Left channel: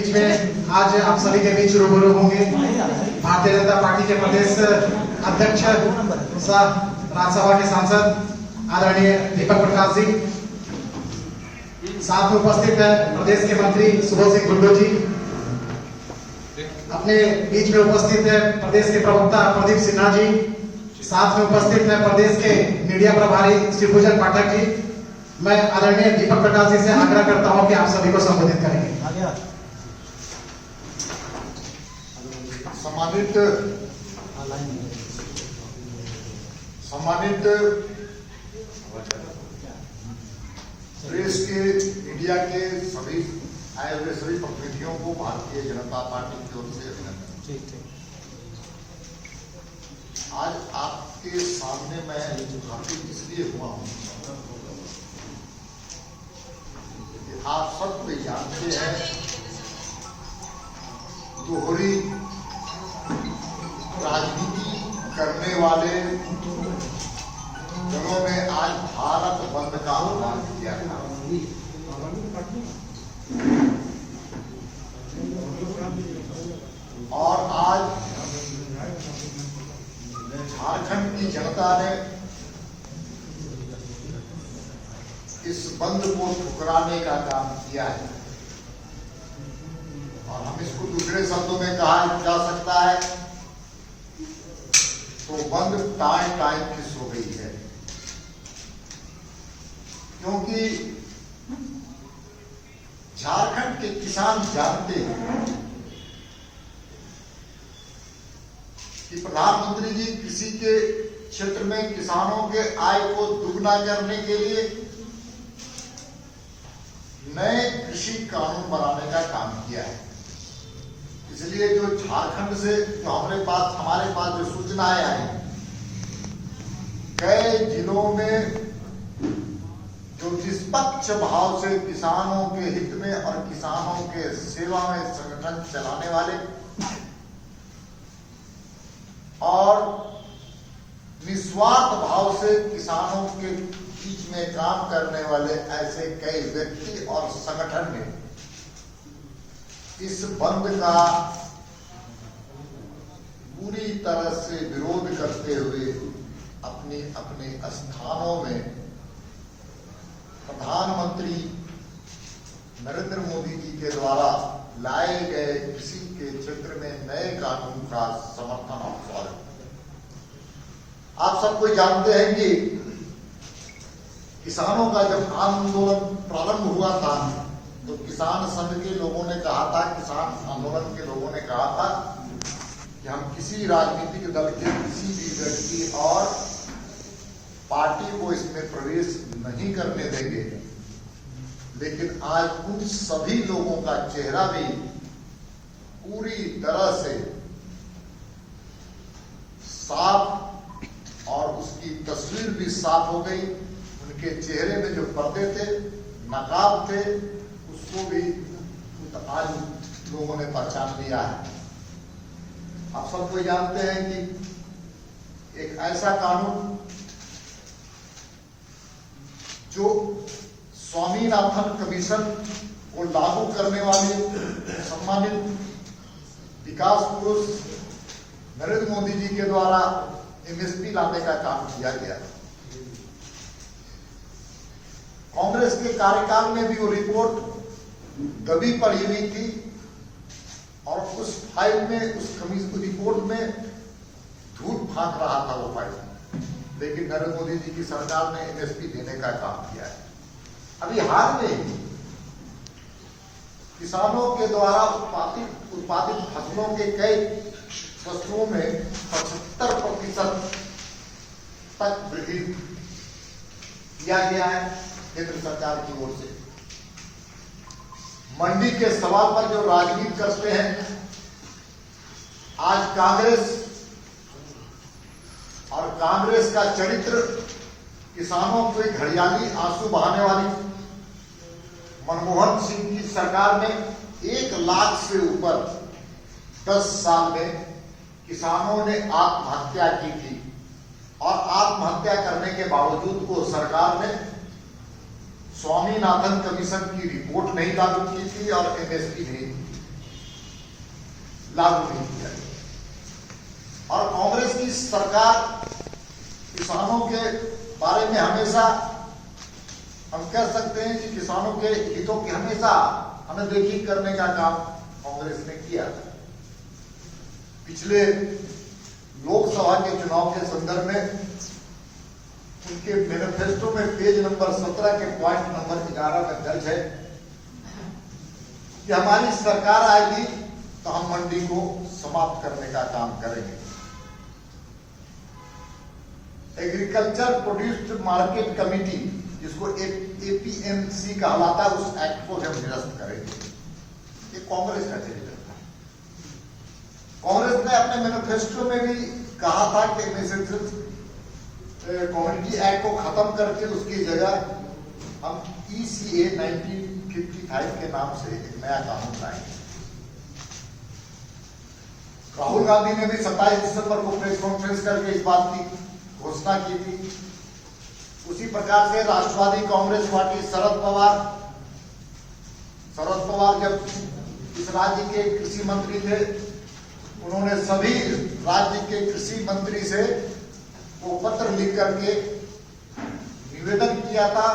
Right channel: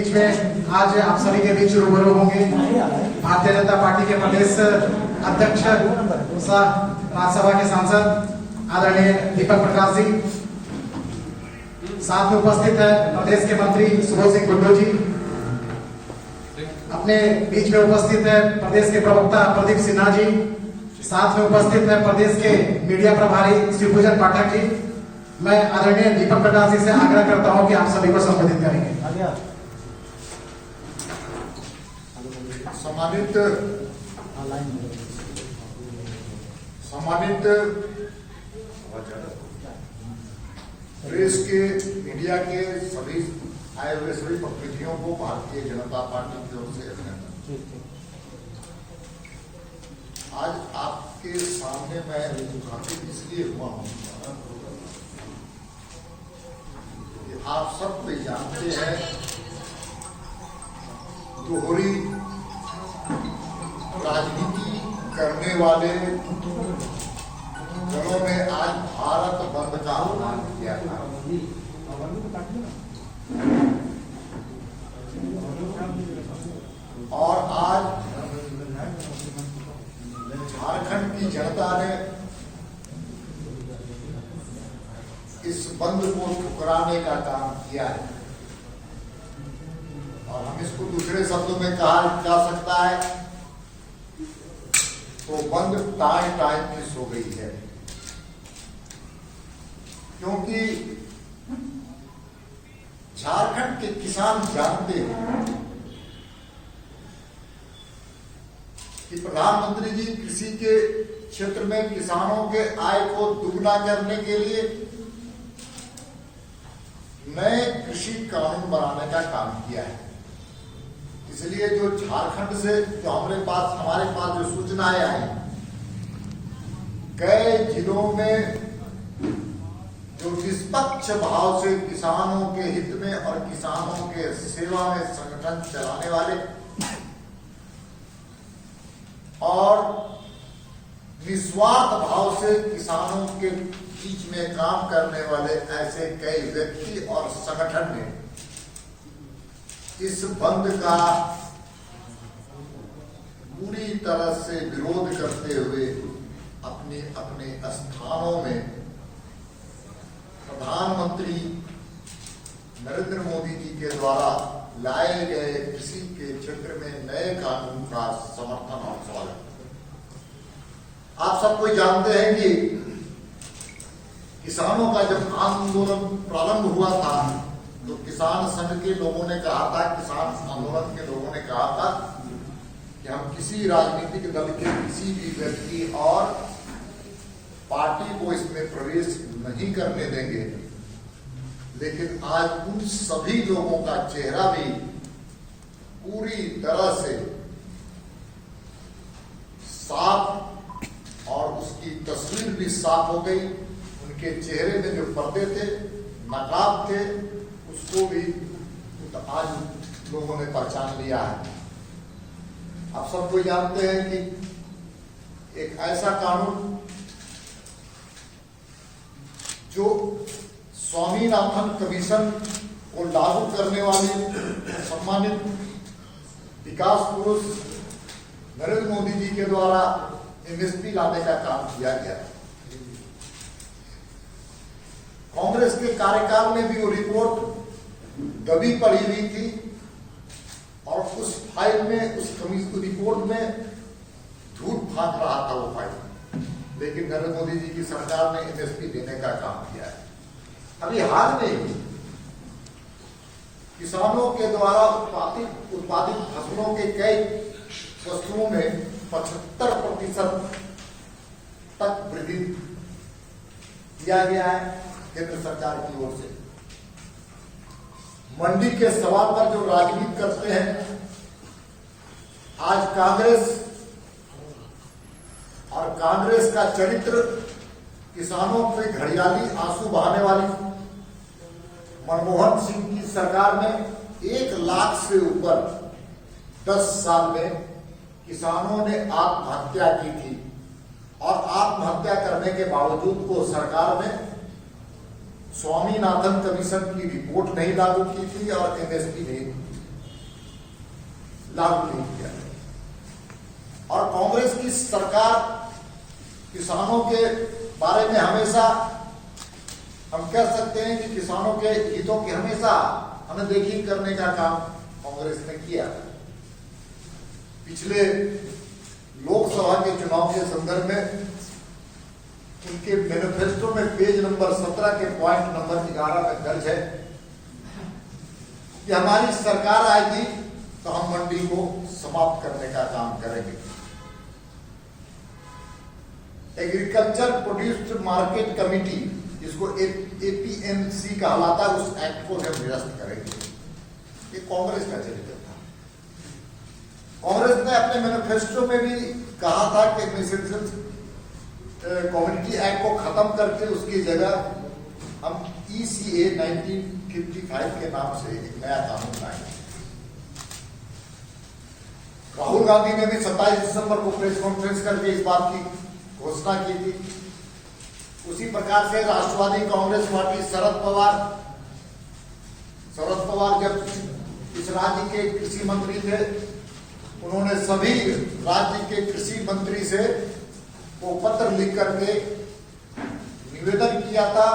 बीच में आज आप सभी के बीच रूबरू होंगे। भारतीय जनता पार्टी के प्रदेश अध्यक्ष सह राज्यसभा के सांसद आदरणीय दीपक प्रकाश जी, साथ में उपस्थित है प्रदेश के मंत्री सुबोध सिंह गुड्डू जी, अपने बीच में उपस्थित है प्रदेश के प्रवक्ता प्रदीप सिन्हा जी, साथ में उपस्थित है प्रदेश के मीडिया प्रभारी श्री भूषण पाठक जी। मैं आदरणीय दीपक प्रकाश जी से आग्रह करता हूं कि आप सभी को संबोधित करेंगे। सम्मानित प्रेस के मीडिया के सभी आए हुए सभी प्रतिनिधियों को भारतीय जनता पार्टी की ओर से अभिनंदन। आज आपके सामने मैं उपस्थित इसलिए हुआ हूं, आप सब कोई जानते हैं दोहरी राजनीति करने वाले दलों ने आज भारत बंद का आह्वान किया था। और आज झारखंड की जनता ने इस बंद को ठुकराने का काम किया है। और हम इसको दूसरे शब्दों में कहा जा सकता है तो बंद टाइम किस हो गई है, क्योंकि झारखंड के किसान जानते हैं कि प्रधानमंत्री जी कृषि के क्षेत्र में किसानों के आय को दुगना करने के लिए नए कृषि कानून बनाने का काम किया है। इसलिए जो झारखंड से जो हमारे पास जो सूचनाएं आई, कई जिलों में जो निष्पक्ष भाव से किसानों के हित में और किसानों के सेवा में संगठन चलाने वाले और निस्वार्थ भाव से किसानों के बीच में काम करने वाले ऐसे कई व्यक्ति और संगठन ने इस बंद का पूरी तरह से विरोध करते हुए अपने अपने स्थानों में प्रधानमंत्री नरेंद्र मोदी जी के द्वारा लाए गए कृषि के क्षेत्र में नए कानून का समर्थन और स्वागत। आप सबको जानते हैं कि किसानों का जब आंदोलन प्रारंभ हुआ था तो किसान संघ के लोगों ने कहा था, किसान आंदोलन के लोगों ने कहा था कि हम किसी राजनीतिक दल के किसी भी व्यक्ति और पार्टी को इसमें प्रवेश नहीं करने देंगे। लेकिन आज उन सभी लोगों का चेहरा भी पूरी तरह से साफ और उसकी तस्वीर भी साफ हो गई। उनके चेहरे में जो पर्दे थे, नकाब थे, उसको भी आज लोगों ने पहचान लिया है। आप सबको जानते हैं कि एक ऐसा कानून जो स्वामीनाथन कमीशन को लागू करने वाले सम्मानित विकास पुरुष नरेंद्र मोदी जी के द्वारा एमएसपी लाने का काम किया गया। कांग्रेस के कार्यकाल में भी वो रिपोर्ट दबी पड़ी हुई थी और उस फाइल में, उस कमीशन रिपोर्ट में धूल फांक रहा था वो फाइल। लेकिन नरेंद्र मोदी जी की सरकार ने एमएसपी देने का काम किया है। अभी हाल में किसानों के द्वारा उत्पादित फसलों के कई वस्तुओं में 75% तक वृद्धि किया गया है केंद्र सरकार की ओर से। मंडी के सवाल पर जो राजनीति करते हैं, आज कांग्रेस और कांग्रेस का चरित्र किसानों के घड़ियाली आंसू बहाने वाली मनमोहन सिंह की सरकार ने 1 लाख से ऊपर 10 साल में किसानों ने आत्महत्या की थी और आत्महत्या करने के बावजूद को सरकार ने स्वामीनाथन कमीशन की रिपोर्ट नहीं लागू की थी और एमएसपी नहीं लागू नहीं किया गया। और कांग्रेस की सरकार किसानों के बारे में हमेशा हम कह सकते हैं कि किसानों के हितों की हमेशा अनदेखी करने का काम कांग्रेस ने किया। पिछले लोकसभा के चुनाव के संदर्भ में उनके मैनिफेस्टो में पेज नंबर 17 के पॉइंट नंबर 11 में दर्ज है कि हमारी सरकार आएगी तो हम मंडी को समाप्त करने का काम करेंगे। एग्रीकल्चर प्रोड्यूस्ड मार्केट कमेटी, जिसको एपीएमसी कहलाता है, उस एक्ट को हम निरस्त करेंगे। ये कांग्रेस का चरित्र था। कांग्रेस ने अपने मैनिफेस्टो में भी कहा था कि कम्युनिटी एक्ट को खत्म करके उसकी जगह हम ECA 1955 के नाम से एक नया कानून लाएंगे। राहुल गांधी ने भी 27 दिसंबर को प्रेस कॉन्फ्रेंस करके इस बात की घोषणा की थी। उसी प्रकार से राष्ट्रवादी कांग्रेस पार्टी शरद पवार जब इस राज्य के कृषि मंत्री थे, उन्होंने सभी राज्य के कृषि मंत्री से वो पत्र लिख करके निवेदन किया था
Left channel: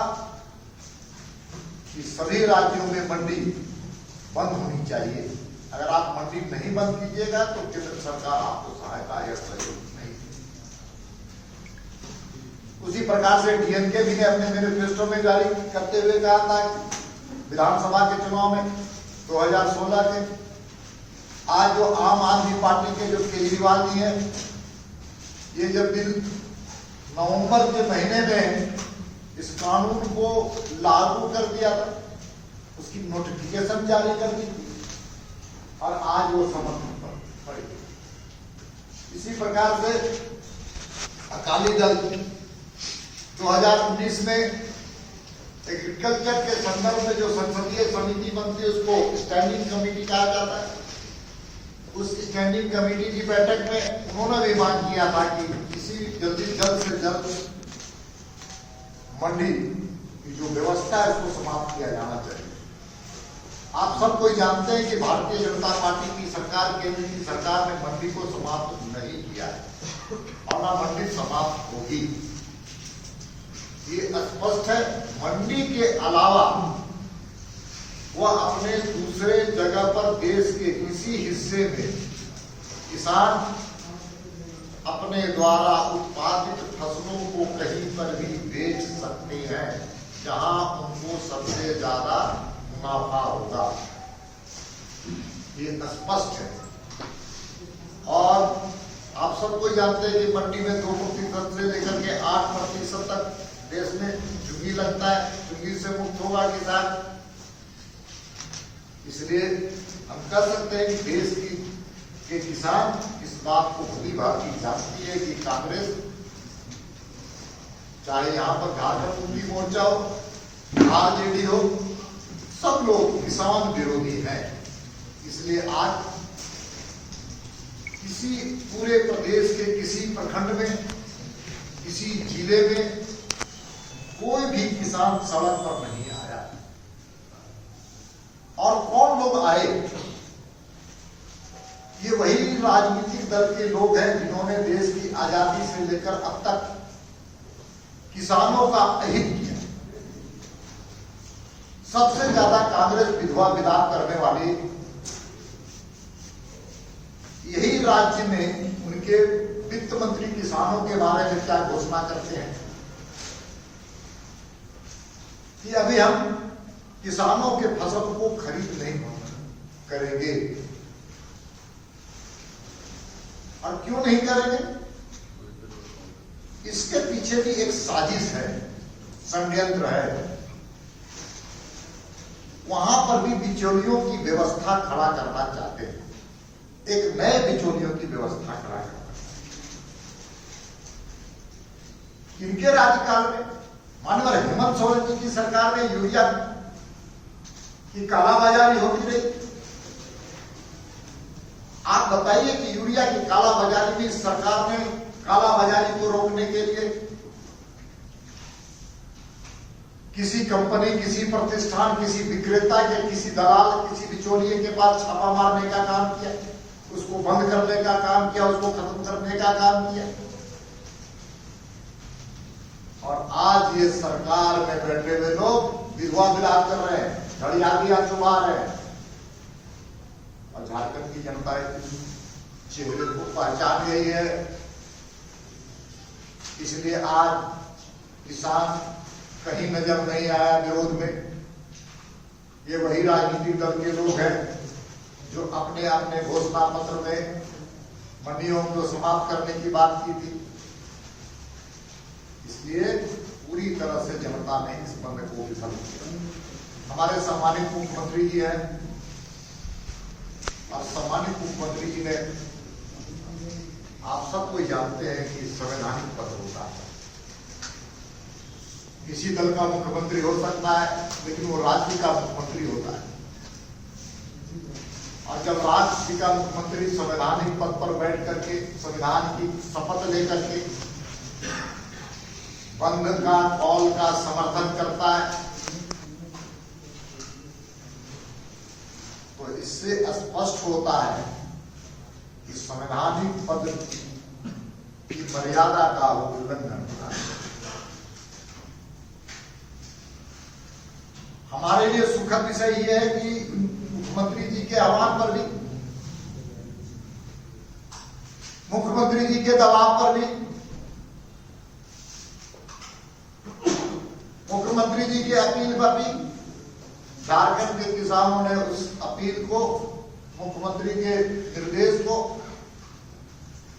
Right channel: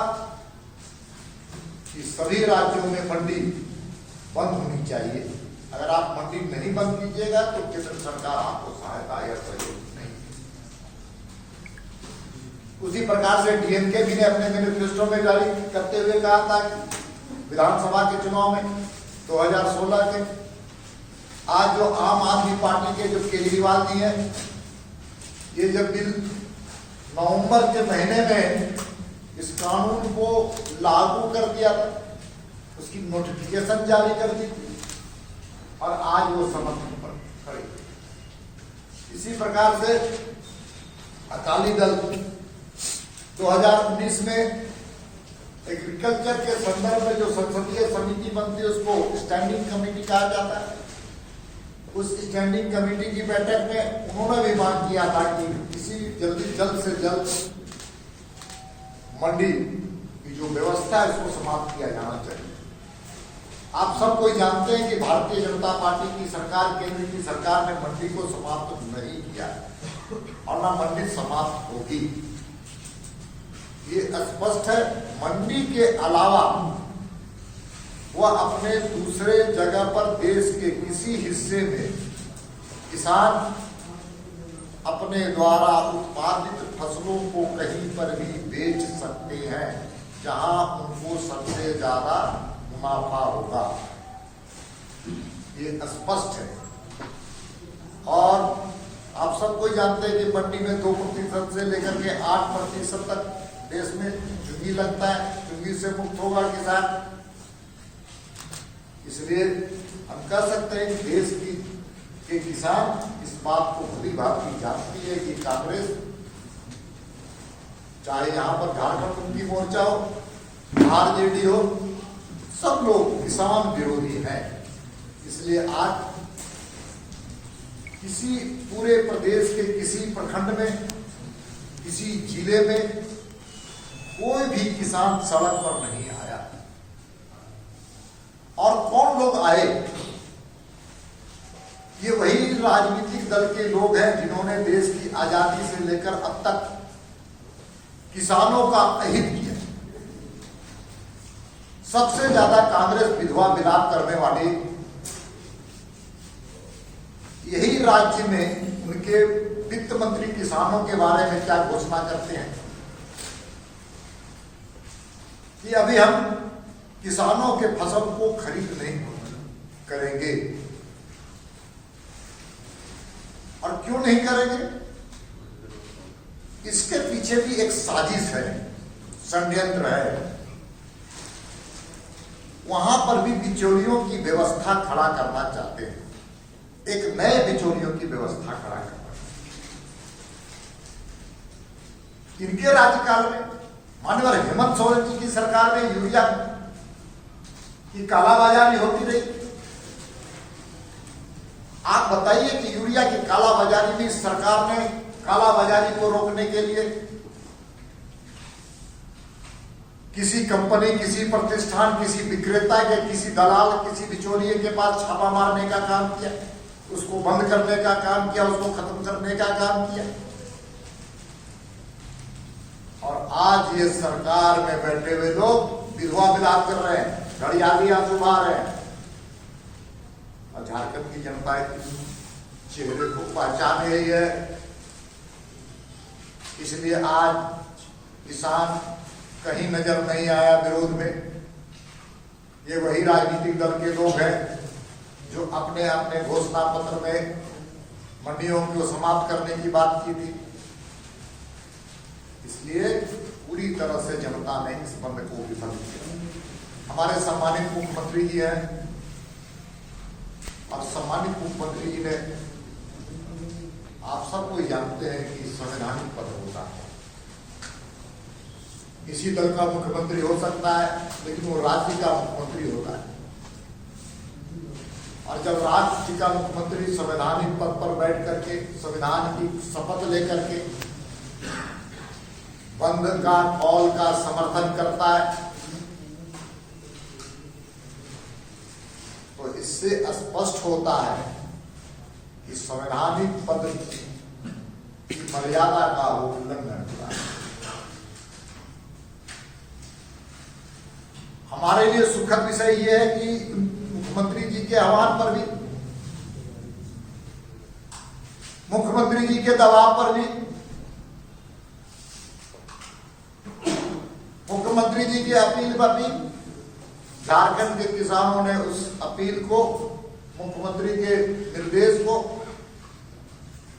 कि सभी राज्यों में मंडी बंद होनी चाहिए। अगर आप मंडी नहीं बंद कीजिएगा तो केंद्र सरकार आपको सहायता या सहयोग नहीं देगी। उसी प्रकार से डीएमके भी ने अपने मैनिफेस्टो में जारी करते हुए कहा था कि विधानसभा के चुनाव में 2016 के आज जो आम आदमी पार्टी के जो केजरीवाल जी हैं, ये जब बिल नवंबर के महीने में इस कानून को लागू कर दिया था, उसकी नोटिफिकेशन जारी कर दी और आज वो समर्थन पर खड़े। इसी प्रकार से अकाली दल 2019 में एग्रीकल्चर के संदर्भ में जो संसदीय समिति बनती है उसको स्टैंडिंग कमेटी कहा जाता है। उस स्टैंडिंग कमेटी की बैठक में उन्होंने भी मांग किया था कि किसी जल्द से जल्द मंडी की जो व्यवस्था है उसको समाप्त किया जाना चाहिए। आप सब कोई जानते हैं कि भारतीय जनता पार्टी की सरकार, केंद्र की सरकार ने मंडी को समाप्त नहीं किया और ना मंडी समाप्त होगी। ये स्पष्ट है। मंडी के अलावा वह अपने दूसरे जगह पर देश के किसी हिस्से में किसान अपने द्वारा उत्पादित फसलों को कहीं पर भी बेच सकते हैं जहां उनको सबसे ज्यादा मुनाफा होगा। ये स्पष्ट है। और आप सब कोई जानते हैं कि मंडी में 2% से लेकर के 8% तक देश में चुंगी लगता है। चुंगी से मुक्त होगा किसान। इसलिए हम कह सकते हैं कि देश के किसान इस बात को भली भांति जानती है कि कांग्रेस, चाहे यहां पर झारखंड मुक्ति मोर्चा हो, आरजेडी हो, सब लोग किसान विरोधी हैं। इसलिए आज किसी पूरे प्रदेश के किसी प्रखंड में, किसी जिले में कोई भी किसान सड़क पर नहीं आया। और कौन लोग आए? ये वही राजनीतिक दल के लोग हैं जिन्होंने देश की आजादी से लेकर अब तक किसानों का अहित किया। सबसे ज्यादा कांग्रेस विधवा विलाप करने वाले यही राज्य में उनके वित्त मंत्री किसानों के बारे में क्या घोषणा करते हैं कि अभी हम किसानों के फसल को खरीद नहीं करेंगे। और क्यों नहीं करेंगे? इसके पीछे भी एक साजिश है, षड्यंत्र है। वहां पर भी बिचौलियों की व्यवस्था खड़ा करना चाहते हैं, एक नए बिचौलियों की व्यवस्था खड़ा करना। इनके राज्यकाल में माननीय हेमंत सोरेन जी की सरकार ने यूरिया की कालाबाजारी होती रही। आप बताइए कि यूरिया की कालाबाजारी में सरकार ने कालाबाजारी को रोकने के लिए किसी कंपनी, किसी प्रतिष्ठान, किसी विक्रेता या किसी दलाल, किसी बिचौलिए के पास छापा मारने का काम किया? उसको बंद करने का काम किया, उसको खत्म करने का काम किया। और आज ये सरकार में बैठे हुए लोग विधवा विलाप कर रहे हैं, घड़ियाली आंसू बहा रहे हैं। और झारखंड की जनता इतनी चेहरे को पहचान गई है, इसलिए आज किसान कहीं नजर नहीं आया विरोध में। ये वही राजनीतिक दल के लोग हैं जो अपने अपने घोषणा पत्र में मंडियों को समाप्त करने की बात की थी। इसलिए पूरी तरह से जनता ने इस बंद को विफल किया। हमारे सम्मानित मुख्यमंत्री जी हैं और सम्मानित मुख्यमंत्री जी ने, आप सब कोई जानते हैं कि संवैधानिक पद होता है, किसी दल का मुख्यमंत्री हो सकता है लेकिन वो राज्य का मुख्यमंत्री होता है। और जब राज्य का मुख्यमंत्री संवैधानिक पद पर बैठ करके संविधान की शपथ लेकर के बंद का कॉल का समर्थन करता है, तो इससे स्पष्ट होता है कि संवैधानिक पद की मर्यादा का उल्लंघन होता है। हमारे लिए सुखद विषय यह है कि मुख्यमंत्री जी के आह्वान पर भी, मुख्यमंत्री जी के दबाव पर भी, मुख्यमंत्री जी के अपील पर भी झारखंड के किसानों ने उस अपील को, मुख्यमंत्री के निर्देश को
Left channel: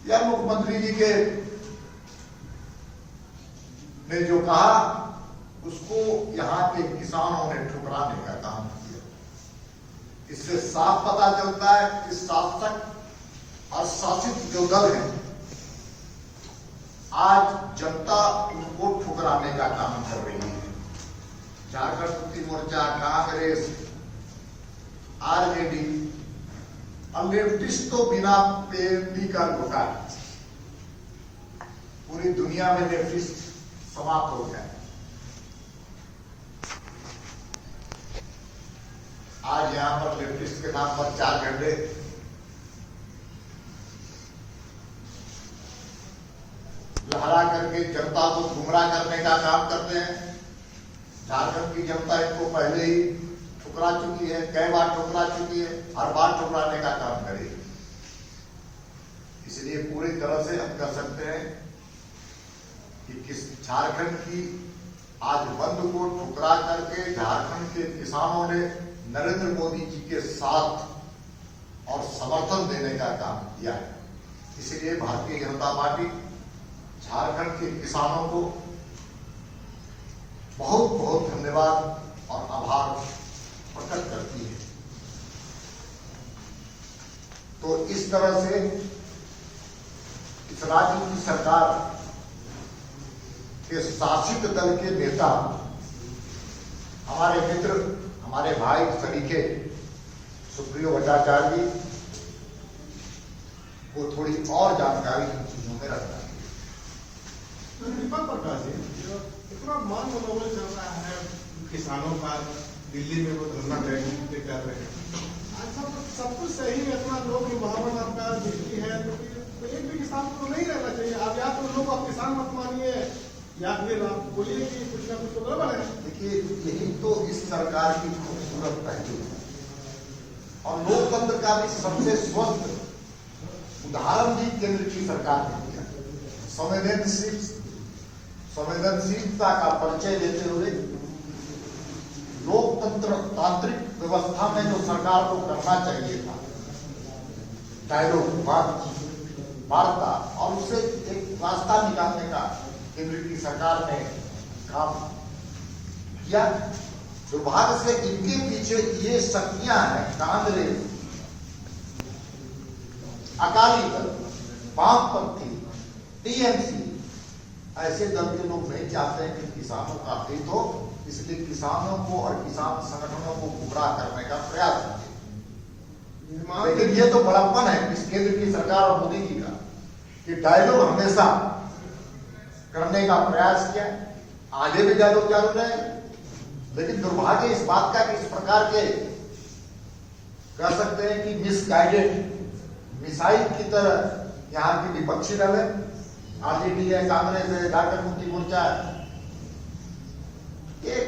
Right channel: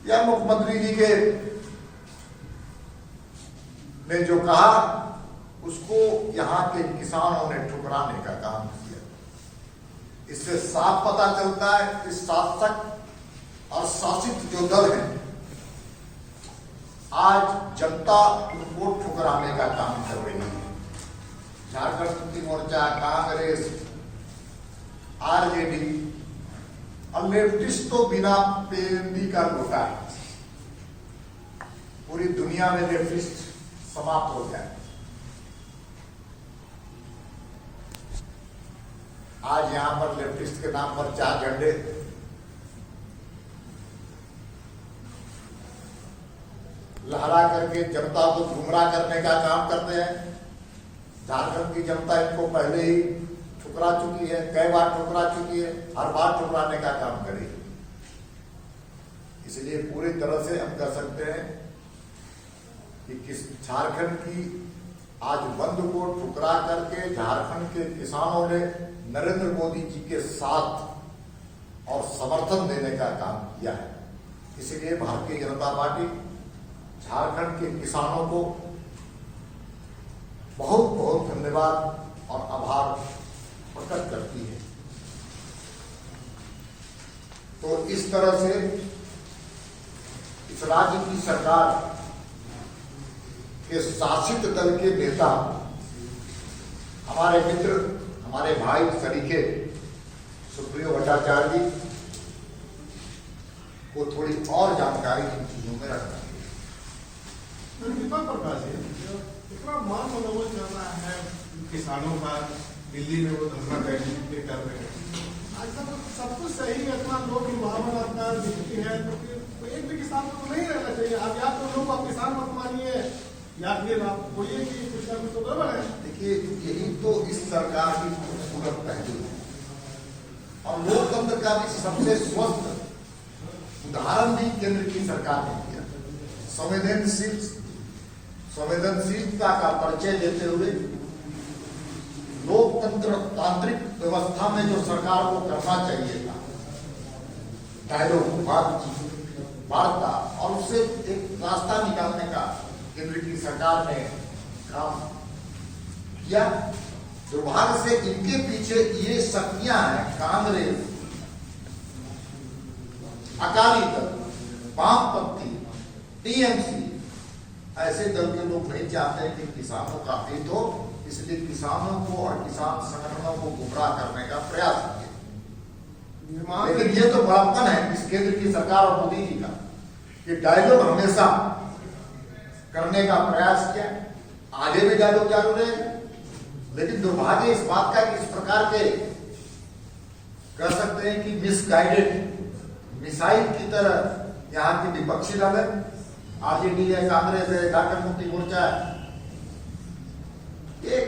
या मुख्यमंत्री जी के ने जो कहा उसको यहां के किसानों ने ठुकराने का काम किया। इससे साफ पता चलता है कि शासक और शासित जो दल है, आज जनता उनको ठुकराने का काम कर रही है। झारखंड मुक्ति मोर्चा, कांग्रेस, आरजेडी और लेफ्टिस्ट तो बिना पेंदी का लौटा है। पूरी दुनिया में लेफ्टिस्ट समाप्त हो जाए। आज यहां पर लेफ्टिस्ट के नाम पर 4 झंडे, लहरा करके जनता को गुमराह करने का काम करते हैं। झारखंड की जनता इनको पहले ही ठुकरा चुकी है, कई बार ठुकरा चुकी है, हर बार ठुकराने का काम करेगी। इसलिए पूरी तरह से हम कह सकते हैं कि किस झारखंड की आज बंद को ठुकरा करके झारखंड के किसानों ने नरेंद्र मोदी जी के साथ और समर्थन देने का काम किया है। इसलिए भारतीय जनता पार्टी झारखंड के किसानों को बहुत बहुत धन्यवाद और आभार प्रकट करती है। तो इस तरह से इस राज्य की सरकार के शासित दल के नेता, हमारे मित्र, हमारे भाई सरीखे सुप्रियो भट्टाचार्य जी को थोड़ी और जानकारी इन चीजों में रखना चाहिए। दीपक प्रकाश जी, इतना मान मनोबल चल रहा है किसानों का, दिल्ली में वो धरना बैठने कर रहे हैं, आज सब कुछ सही है, इतना लोग भावना आपका दिखती है, तो एक भी किसान को तो नहीं रहना चाहिए। आप या तो लोग आप किसान मत मानिए या फिर आप बोलिए कि कुछ ना कुछ तो गड़बड़ है। देखिए, यही तो इस सरकार की खूबसूरत पहलू है और लोकतंत्र का भी सबसे स्वस्थ उदाहरण भी केंद्र की सरकार ने दिया। संवेदनशीलता का परिचय देते हुए लोकतंत्र तांत्रिक व्यवस्था में जो सरकार को करना चाहिए था, डायलॉग, वार्ता और उससे एक रास्ता निकालने का केंद्र की सरकार ने काम किया। दुर्भाग्य से इनके पीछे ये शक्तियां हैं, कांग्रेस, अकाली दल, वामपंथी, टीएमसी, ऐसे दल के लोग नहीं चाहते हैं कि किसानों का हित हो, इसलिए किसानों को और किसान संगठनों को गुमराह करने का प्रयास किया। लेकिन ये तो बड़प्पन है इस केंद्र की सरकार और मोदी जी का, ये डायलॉग हमेशा करने का प्रयास किया, आगे भी डायलॉग जारी रहे। लेकिन दुर्भाग्य इस बात का कि इस प्रकार के कह सकते हैं कि मिसाइल की तरह यहाँ की विपक्षी दल है, आरजेडी है, कांग्रेस है, झारखंड मुक्ति मोर्चा है। एक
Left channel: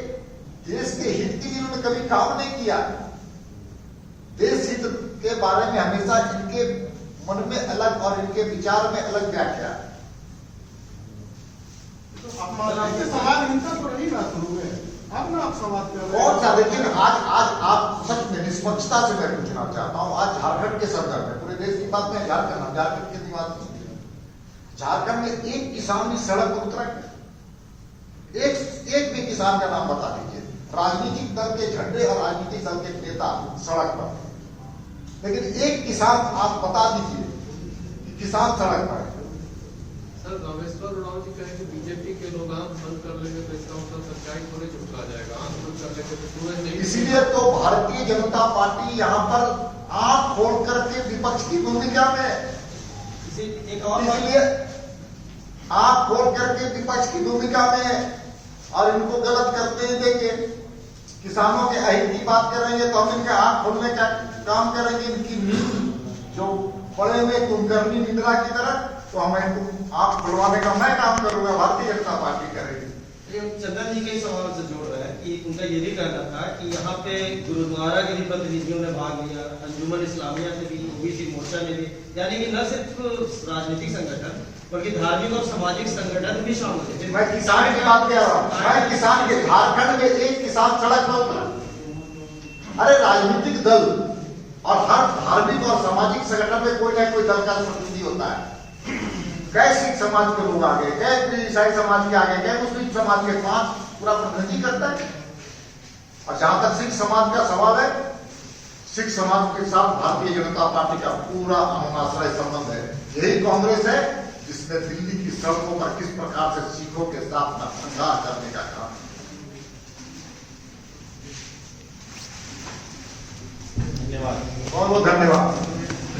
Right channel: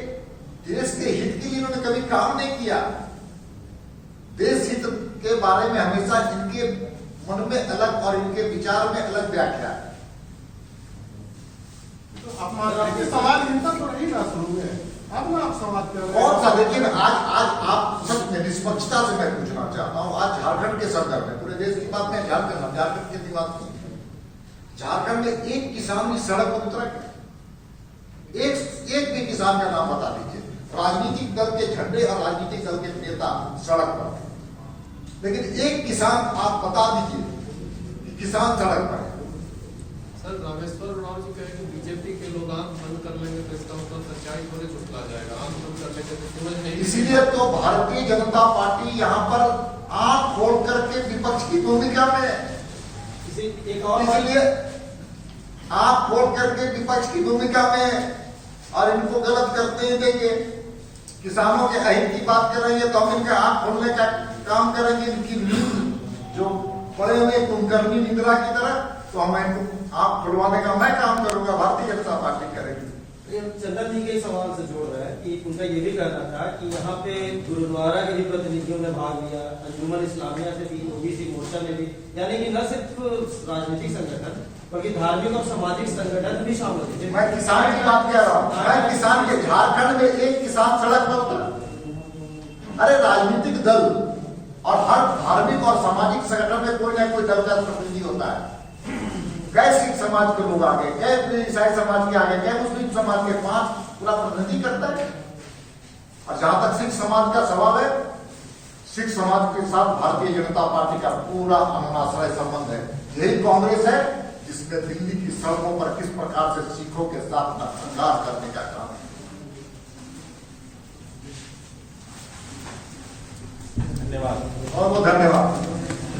देश के हित के लिए इन्होंने कभी काम नहीं किया। देश हित के बारे में हमेशा इनके मन में अलग और इनके विचार में अलग व्याख्या है। तो आप सवाल इनका तो रही ना शुरू में, अब ना आप सवाल कर रहे कौन सा? लेकिन आज आप सच में निष्पक्षता से मैं पूछना चाहता हूं, आज झारखंड के संदर्भ में, पूरे देश की बात में झारखंड की बात नहीं। झारखंड में एक किसान भी सड़क पर उतरा क्या? एक भी किसान का नाम बता दीजिए। राजनीतिक दल के झंडे और राजनीतिक दल के नेता सड़क पर, लेकिन एक किसान आप बता दीजिए कि किसान सड़क पर। सर रामेश्वर उरांव जी कहे कि बीजेपी के लोग आंख बंद कर लेंगे तो इसका मतलब सच्चाई थोड़े झुठला जाएगा, आंख बंद कर लेंगे तो सूरज नहीं। इसीलिए तो भारतीय जनता पार्टी यहाँ पर आंख खोल करके विपक्ष की भूमिका में है। इसलिए आंख खोल करके विपक्ष की भूमिका में है और इनको गलत करते ही देंगे। किसानों के अहित की बात करेंगे तो हम इनका आंख खोलने का काम करेंगे। इनकी नींद जो पड़े हुए कुंभकर्णी निंद्रा की तरह, तो हम इनको आंख खुलवाने का मैं काम करूंगा, भारतीय जनता पार्टी करेगी। चंदन जी के ही सवाल से जोड़ रहा है कि उनका ये भी कहना था कि यहाँ पे गुरुद्वारा के भी प्रतिनिधियों ने भाग लिया, अंजुमन इस्लामिया से भी, ओबीसी मोर्चा ने भी, यानी कि न सिर्फ राजनीतिक संगठन बल्कि धार्मिक और सामाजिक संगठन भी शामिल थे। मैं किसान की बात कर रहा हूँ। मैं किसान के झारखंड में एक किसान सड़क पर उतरा। अरे राजनीतिक दल और हर धार्मिक और सामाजिक संगठन में कोई ना कोई दल का प्रतिनिधि होता है। गए सिख समाज के लोग आ गए, गए ईसाई समाज के आ गए, गए मुस्लिम समाज के, 5 पूरा प्रतिनिधि करता है। और जहां तक सिख समाज का सवाल है, सिख समाज के साथ भारतीय जनता पार्टी का पूरा अनुनाश्रय संबंध है। यही कांग्रेस है जिसने दिल्ली की सड़कों पर किस प्रकार से सिखों के साथ नरसंहार करने का काम। धन्यवाद। बहुत बहुत धन्यवाद।